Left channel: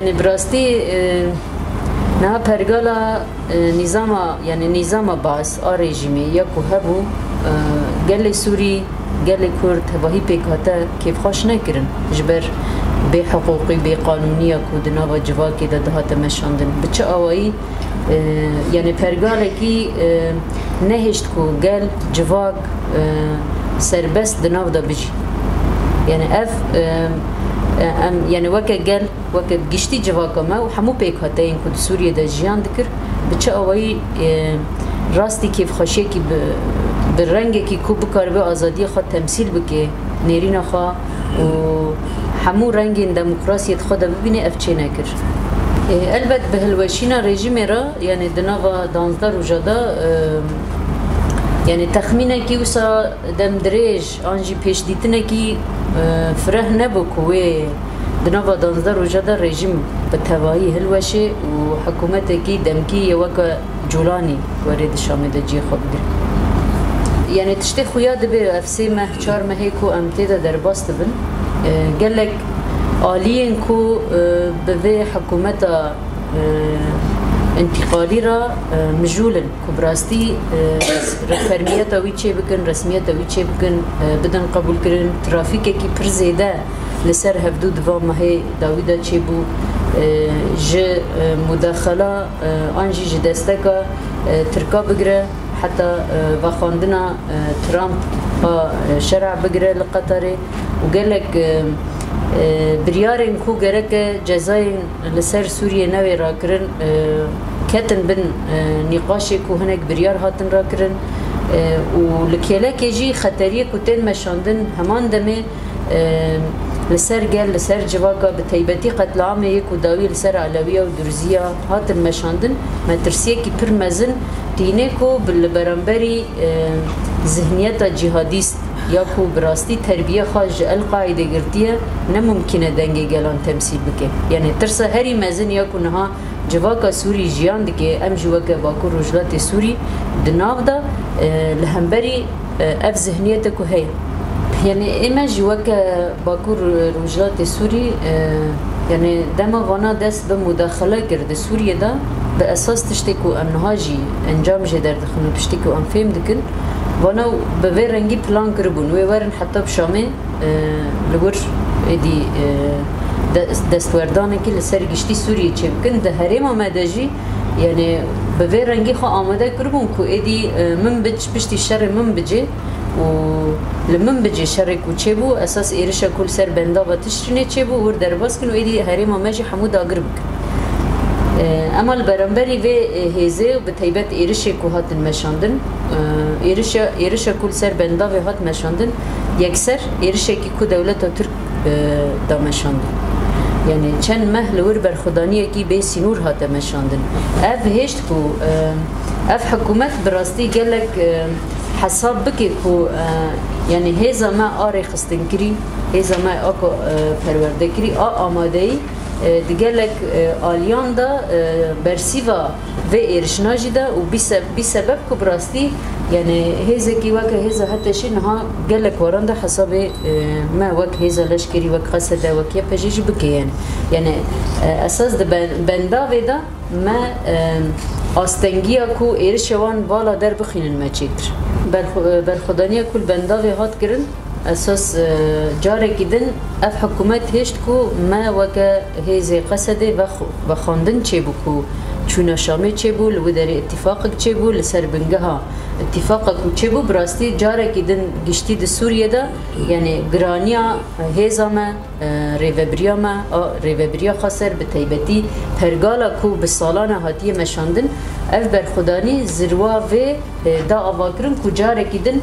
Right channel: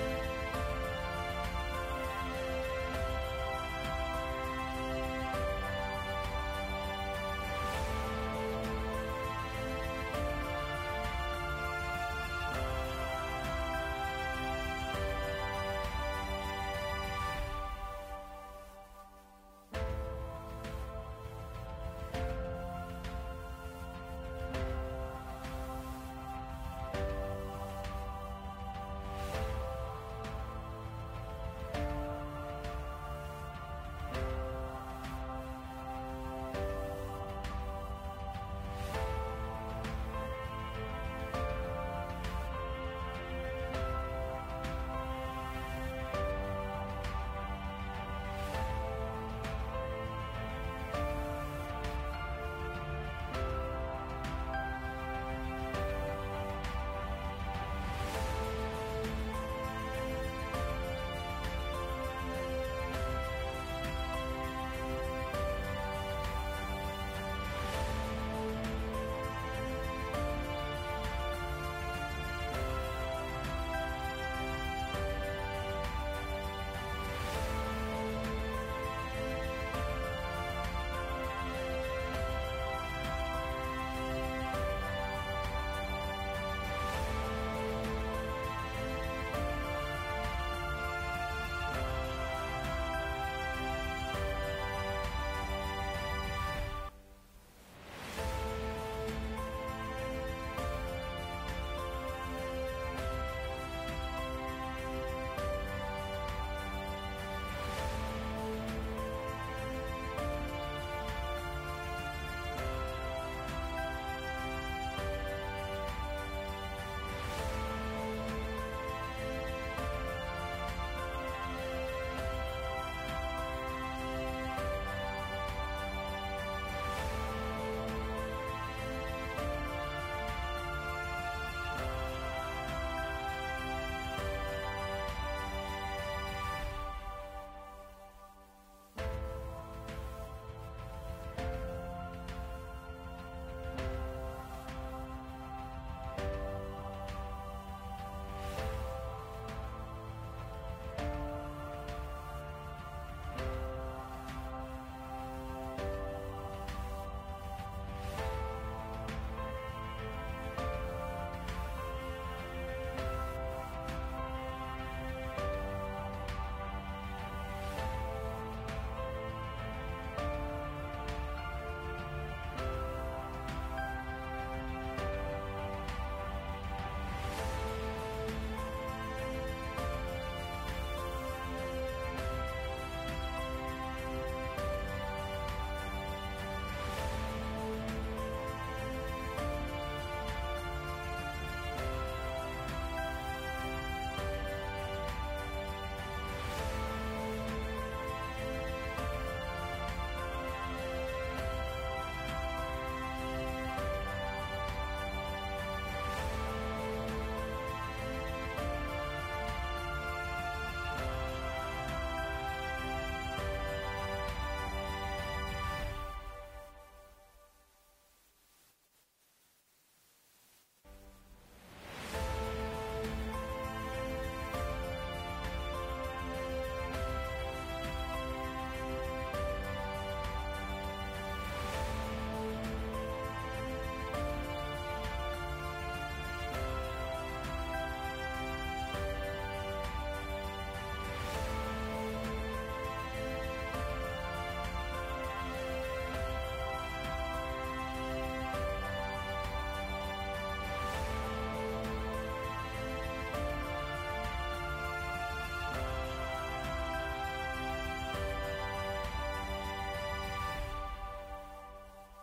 براستی نه پرگالا نظام باس رژیمی یا که هبو گل سوری گل کرد هواهی پیکاته کیف خوش نکرن جبر به حقوقی به قانونی که دنوا جواکی ده مشاندن بچه آوایی یعنی پرگاله کی نهشت کو گل جواک سربست دنوا دا بجی یعنی یعنی وقت گل وقت گشتی جواکا ما و همو پیکاته این که سوریه ده جیان دکر بچه آوایی راستی کیف خوشی کی به رنگی که کو بکار به آزادی خود تمثیل بکه نیرین خوا و همو رنگ دموکراسی خود ببینه افچه نکر البته به هلوشینا رژیم را یعنی دنوا 12 روزادا یعنی تخمینه کی وسا دم دریج آنجی پیش دیتنه کی فرح نبو کوی دنوا 12 روزادا رژیم به توایی هلوشه و حکومت کی دمکی وک جولانی ورید شامل جی خود گر یعنی تشتی خویا دبی افسی ماه 4 ماه کو امتدا در باست بن قالك آلين كو بذي حكومة انتقالي را مجولا كبراستي رفرمية ويتشي بكن رسمية ويتشي بكن بدن قبول كرن ترافيك كي برزيدا لسر هفدو دفا ما هي داويدا تشيبو ج مداخلة انجي جدستكا تركا بقرا حتى بخاندنا ترامب شرع بقرا لقطري وقالك بريارن كو جرك جزاين لسر سوريا نوي راكرن كاتن بن نقاشي كو هناك بريار هاتن راكرن ولكيلا كيجي خطريه كوتين مشاندن همان دمي لسر قال لسر جواكا بتيبتي قتل عام يكو داوي لسر علوية ودرزية هاتن مشاندن ما ترسيه كي برمزن دينيكو بالبرامبري ذهنية جهاديست ياكو براستي تربية خارج القاعدة قرتية نممكن دنجي جلان تمثيل بك يعني ترسى هري مازن ياكو نها جواكا سوري جيان دكي ام جواكا باكو رجلات سوري دنافدا لهمبري اف ذهنيتكو هي يعني اما جواكا باكو رجلات سوري يعني دما غانا دست بمداخلة كرد سوريا دا بأساس تشتكو ام نهاجي انجام جدر دخلو تشتكو ام فهم دكن وانا بوی رنگی پلان کربون و ورن حتی بشامه لور ادی دستوردانه که لسر گشتی سوریه چه بکن ده هرم آمده جی یعنی بوی رنگی خو آمده کربون که ادی من بشتی شر من بجه و لمن بجه شر کو چه بو اساس ایرش کل سر بندا و تشرینه چه بو ور درباس کن و ادی هرم آمده حمود آگر بکن اما البرامبری و هزه و به طیبت ایرش کو هات مشاندن ایرش کل سر بندا و هات مشاندن یکسر ایرش کی کو دولت ترک دا مشاندن یعنی چند مهل ور برخدانی کی به سینور هات مشاندن اف هشت کو اف حکومت براستی گلک حساب بکی کو یعنی هزا ما آره خستن کری هزا ما آکو پرورده کری آماده ای دیگلک آلیان دا برسیوا و ایرشناجی دا و بی سبب که براستی یعنی هزا کی وقت هزا حتیشی نها گلک واران دا حساب ما وقت هزا لشکری وقت قصده وقت یا پجیج بکی یعنی اساس دا بندا و دا ما آستنگیا کو ایرشوان بالا در بخیلن ما چیتر برخدانیا کل بندا و هات کرن اساس جاره کدن اف حکومت هشت کو ما وکه هیزه قصده و خواندن چه بو کو چون شامه چه بو لو در اتفاق چه بو لسر بنگه ها اتفاق کو چه بو براستی جاره کدن گشتی د سوریه دا یعنی گرانیا هیزا ما ریوبریا ما ریوبریا خسر به تیبتی پرگالا کو به سالانه هاتیه مشاندن اف برخدانی زروا و دا آواکرن کو جاره کدن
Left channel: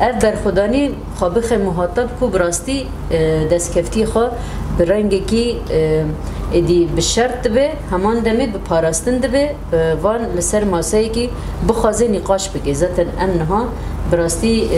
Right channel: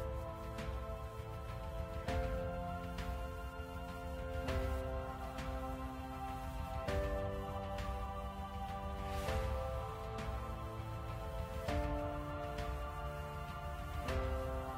اف برخدانی خابخ مخاطب کو براستی دستکفتی خو برنگی کی ادی بشرط به همان دمی به پاراستن به وان لسر ماسایی کی بخوازه نقاش بگه زتن انها براستی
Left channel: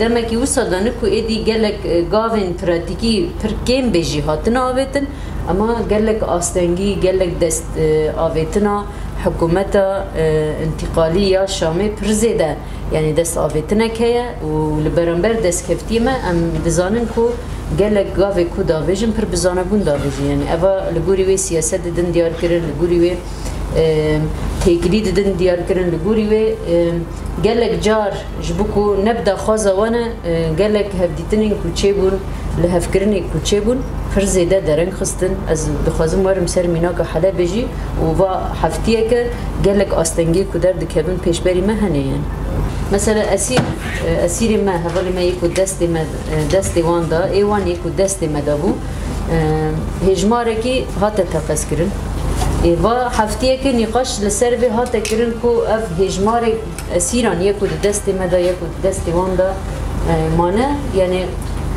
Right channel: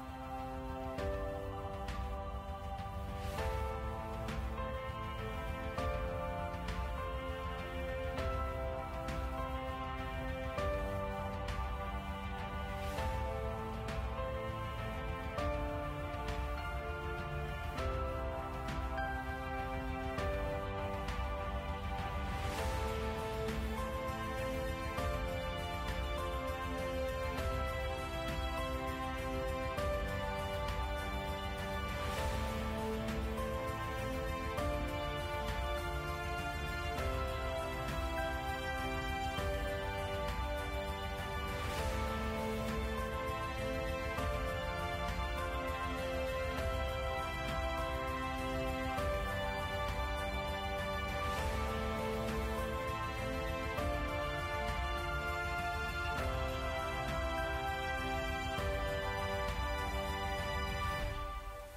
دمه کی وسادانه کو ادی گلک گاوین پراتیکی پر کم بجی هاتن آویتن اما گلک آستنگی گلک دست آویتنا حکومت انتقالی یا شامی پرزیده یعنی دست آویتنه که و لبرانبر دست کفتیمه ام دزانن کو gelek gavê ku davêjin pir bizanebûn davêjin yani eva li gorî wê siyaset didin diyar kirin li gorî wê têkilî didin diyar kirin li gorî wê gelek car ji bo ku nebda xwaza wan e gelek hevdîtinên ku çêbûn li hevkirinê ku çêbûn pir zêde dereng xistin ez dixwazim werim ser mînaka Helebê jî û va heftiyeke gelek astengî ku derdikevin pêşberî me hene yani mesela esîrê me hevalê me yê ku destê wan da ê wan yê ku destê me dabû hêjmarekî hate teqezkirin va heftiyeke nîqaş li ser vê hate kirin ku ev hêjmarê esîran yê ku di destê me da yê ku di destê wan da mane yani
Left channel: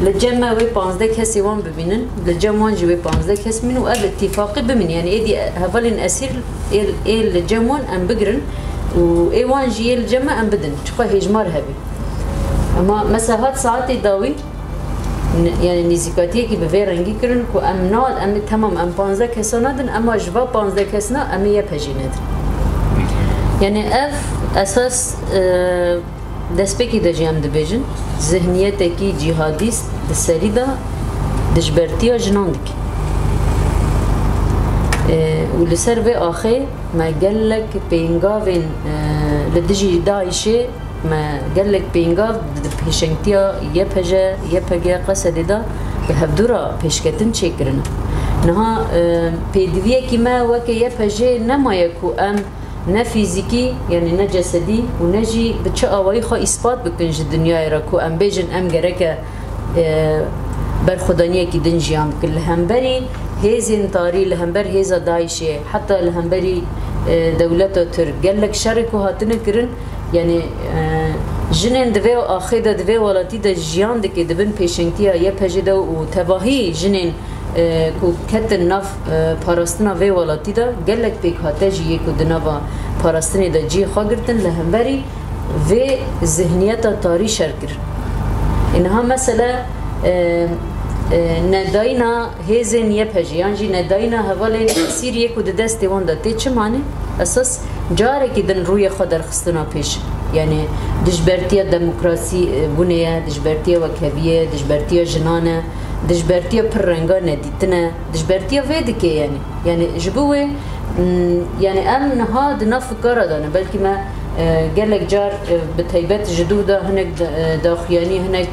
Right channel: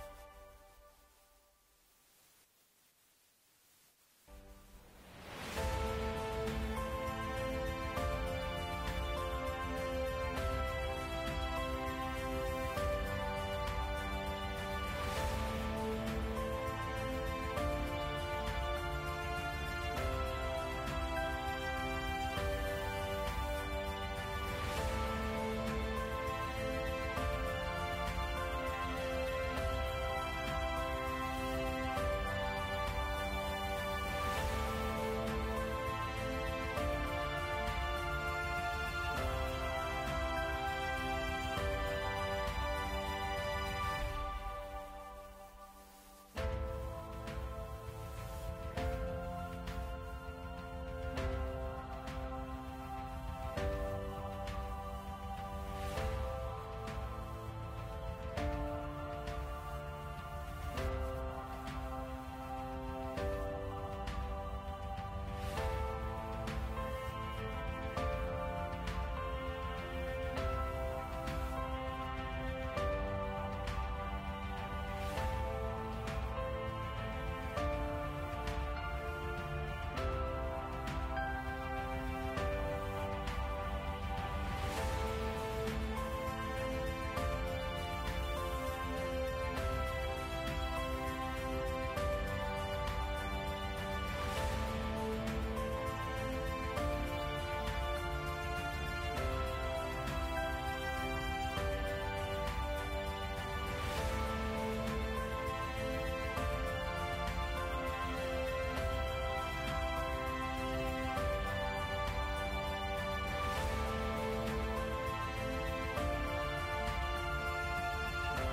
li cem me wê 15 kesê wan bibînin li cem wan jî wê 15 kes min û ev itîfaqî bimin yani êdî hevalên esîr ê li cem wan em bigirin û ê wan jî yê li cem me em bidin çiqa hêjmar hebe ama mesela hat saetê dawî yani nîzîkatiyekî bi vê rengî kirin ku em temam em 15 kesa nadin ama ji va 15 kesna em ê yek jî nedin yani ev esas destpêkî de jî em dibêjin zihniyetekî cîhadîst di serî da dijbertiya jinan dike û li ser vê axê me gelek pêngavên li dijî Daişê me gelek pêngav di pêşengtiya YPG Qesedê da bi hevdûra pêşketin çêkirine niha pêdiviyekî me weke YPG nemaye ku em ne fîzîkî yani ne cesedî û ne jî bi çi awayî xwe îspat bikin ji dinyayê re ku em bêjin em gereke berxwedaniyekî din jiyan bikin li hemberî hêzên tarî li hember hêza Daişê heta li hemberî dewleta Tirk gelek şerê ku hatine kirin yani jinên di vê axê de di vê welatî de jiyan dike dibin pêşengtiya YPG de û tevahî jinên ku ketin nav parastina vê welatî de gelek pêk hate jî yê ku di nava parastinê de cî xwe girtin li hemberî vê zihniyeta tarî şer kirin niha mesela nedayîna hêzên YPG yan jî nedayîna hevalên Sîriyê ku di destê wan da tê çi manî esas carekî din rûyê xwe derxistina pêş yani dijbertiya demokrasî bûnê ye dijbertiya wekheviye dijbertiya jinan e dijbertiya pir renga nedîtin e dijbertiya vê dike yani ji bo wê yani em niha di nav fikara da ne belkî me gelek car bi taybet ji dû da hinek daxuyanî hinek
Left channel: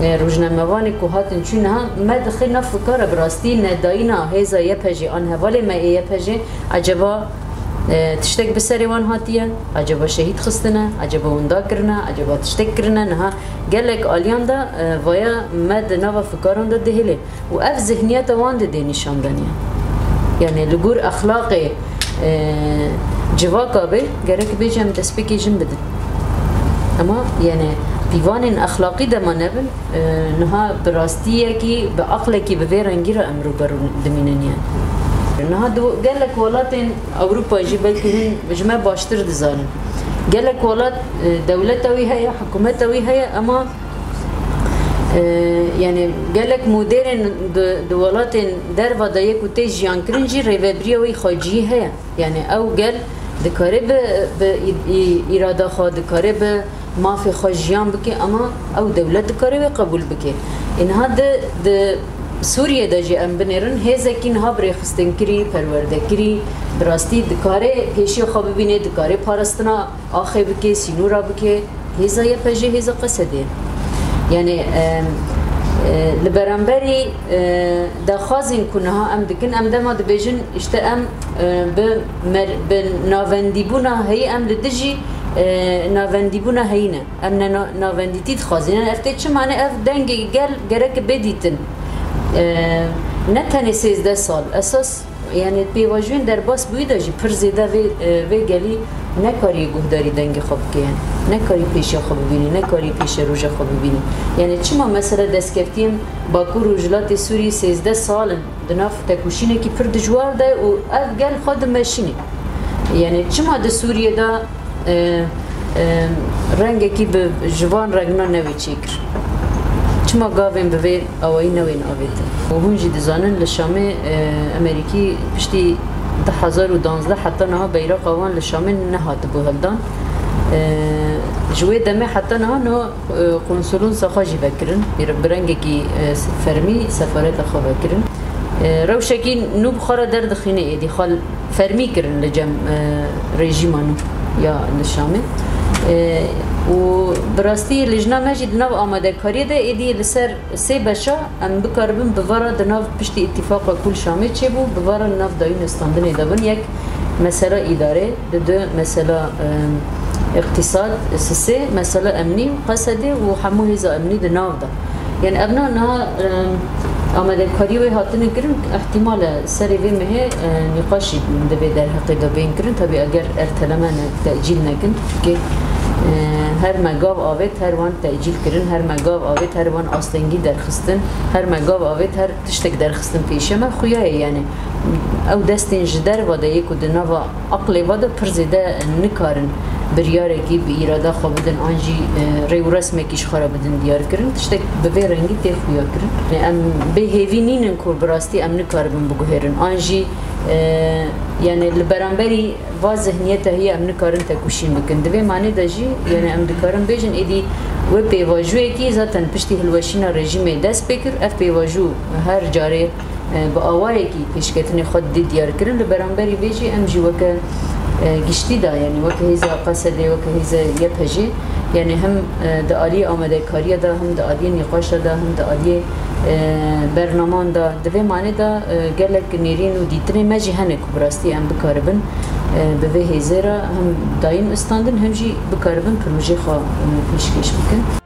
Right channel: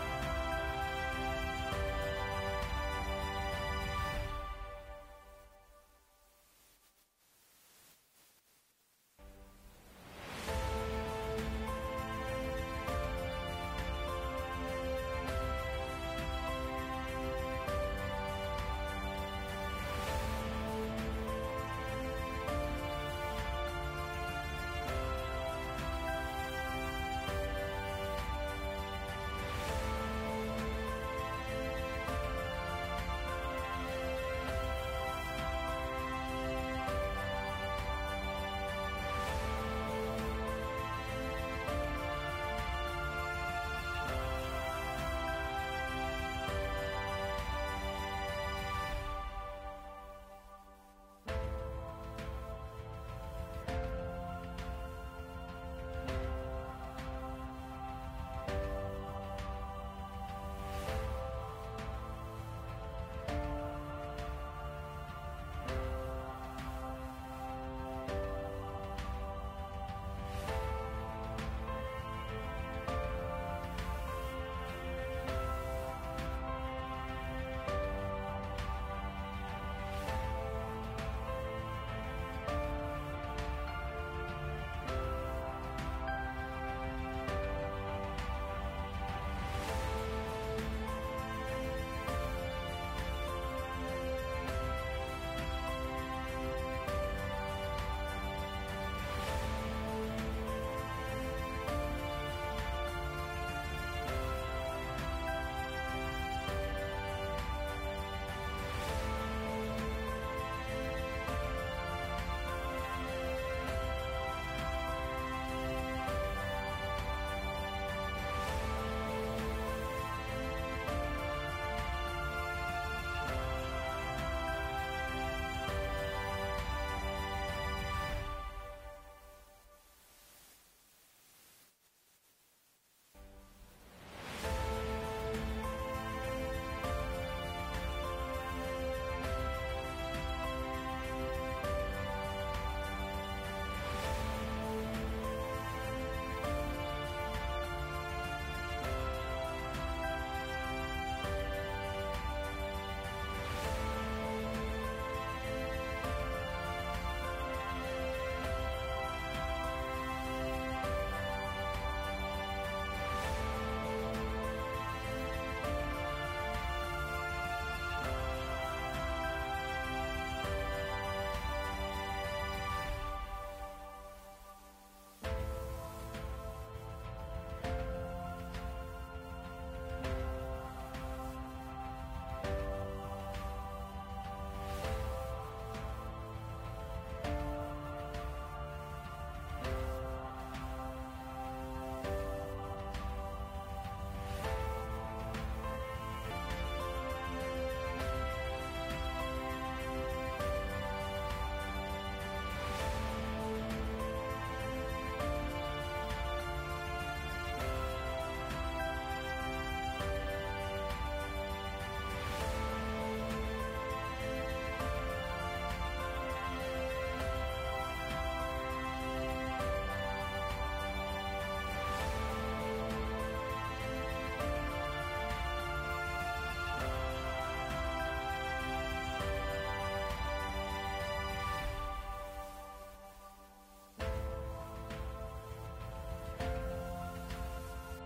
rojnamevanê ku hatin çû niha me dixê nav fikara bi rastî nedayîna hêza YPG an hevalê me ê YPG acaba tiştek bi serê wan hatiye acaba şehîd xistine acaba wenda kirine acaba tiştek kirine niha gelek aliyan da vaya me di nava fikaran da dihêlê û ev zihniyeta wan de dê nîşandaniye yani li gor exlaqê civaka bê gerek bêje em destpêkê jin bidin ama yani pîvanên exlaqî de me nebin niha bi rastiyekî bi aqlekî bi vê rengî re em rûberû dimînin yani niha gelek welatên Ewropa jî belkî hûn ji me baştir dizanin gelek welat dewleta wî heye hikûmeta wî heye ama yani gelek modêrên di welatên derva da yek û tê jiyankirin jî rêveberiya wî xweciyî heye yani ew gel dikare bi îrada xwe dikare bi mafê xwe jiyan bike ama ew dewlet dikare wê qebûl bike niha di Sûriye de jî em binêrin hêzekî niha birêxistinekirî perwerdekirî bi rastî dikare pêşiya xwe bibîne dikare parastina axê bike sînûra bike hêza YPG hêza Qesedê yani li beramberî daxwazên ku niha em dikin em dema dibêjin işte em bi navendîbûna heyî em li dijî navendîbûna heyî ne em ne navendîtî dixwazînin ev tê çi mane ev dengê gel gerek bêdîtin ne tenê 13 sal esas yani pêvajiyên derbas bûyî de jî pir zêde vê gelî nekarî guhdarî dengê xwe bike yani nekarî pêşiya xwe bibînî nekarî pêşiya roja xwe bibînî yani çima mesela destkeftiyên Bakur û jilatê Sûriyê 13 salin di nav tekuşînekî pir dijwar de û ev gel xwe dimeşînî yani çima di Sûriye da rengekî bi jivan regna nevê çêkir çima gavên bi vê awayî newên avêtin û hûn jî dizanin li Şamê Amerîkî piştî 2012 heta niha beyraqa wan li Şamê nehatibû hildan جوی دمه حتی نه قنصلون سخاجی بکرن برنگی فرمی سفارت خو بکرن روشکی نو بخاره درد خینه ایدی خال فرمی کرن لجم رژیمانو یا نشامه و براستی لجنه مجید نو آماده کاری ده ایدی لسر سه بشا ام بکاربن بوارا دناو پشتی اتفاق کل شامه چه بو بوارا نو داین استاندن دابن یک مسئله اداره دو مسئله اقتصاد سه مسئله امنی قصده و همو هزا امنی دناو ده يعني أبنائنا آمده کاری و هاتن کرن احتمال سری وی مه نقاشی دبی در حقیقت بین کرن تبی اگر ارتلمان تأجیل نکن که هر مگاو آوت هر وان تأجیل کرن هر مگاو آوت هر وان آستنگی درخستن هر مگاو آوت هر تشتک درخستن پیشه ما خویاه يعني او دستین جدر واده یک و دنوا عقل واده پرزیده نکارن بریارکی به ایراده خواه بدن آنجی ریو رسمکیش خرا بدن دیار کرن تشتک به رنگی تیخ خویا کرن ام به هیوی نینن کور براستی ام نکاربن بگوهرن آنجی يعني البرامبري واضحنيته هي ام نكارن تكوشين بكن دبي معنی دجي يعني ام دكارن بيجن ايدي و بيواجو کی ذاتن پشتی هلوشینا رژیم دست بکر اف بيواجو هر جاره با آوایی کی پیشکتنی خود دیار کرن البرامبري بيجي ام جي وک گشتی دا يعني وک هیزا قصده وک هیزا یپجی يعني هم د عالی آماده کاری دا هم د عالی نقاش دا هم د عالی برنامه دا دوی معنی دا گلک نیرین و دیتنه مجی هنه کبراستی هم بکاربن به هزارا هم دایم استاندن هم جی بکاربن پروژه خواه پیشکش بکن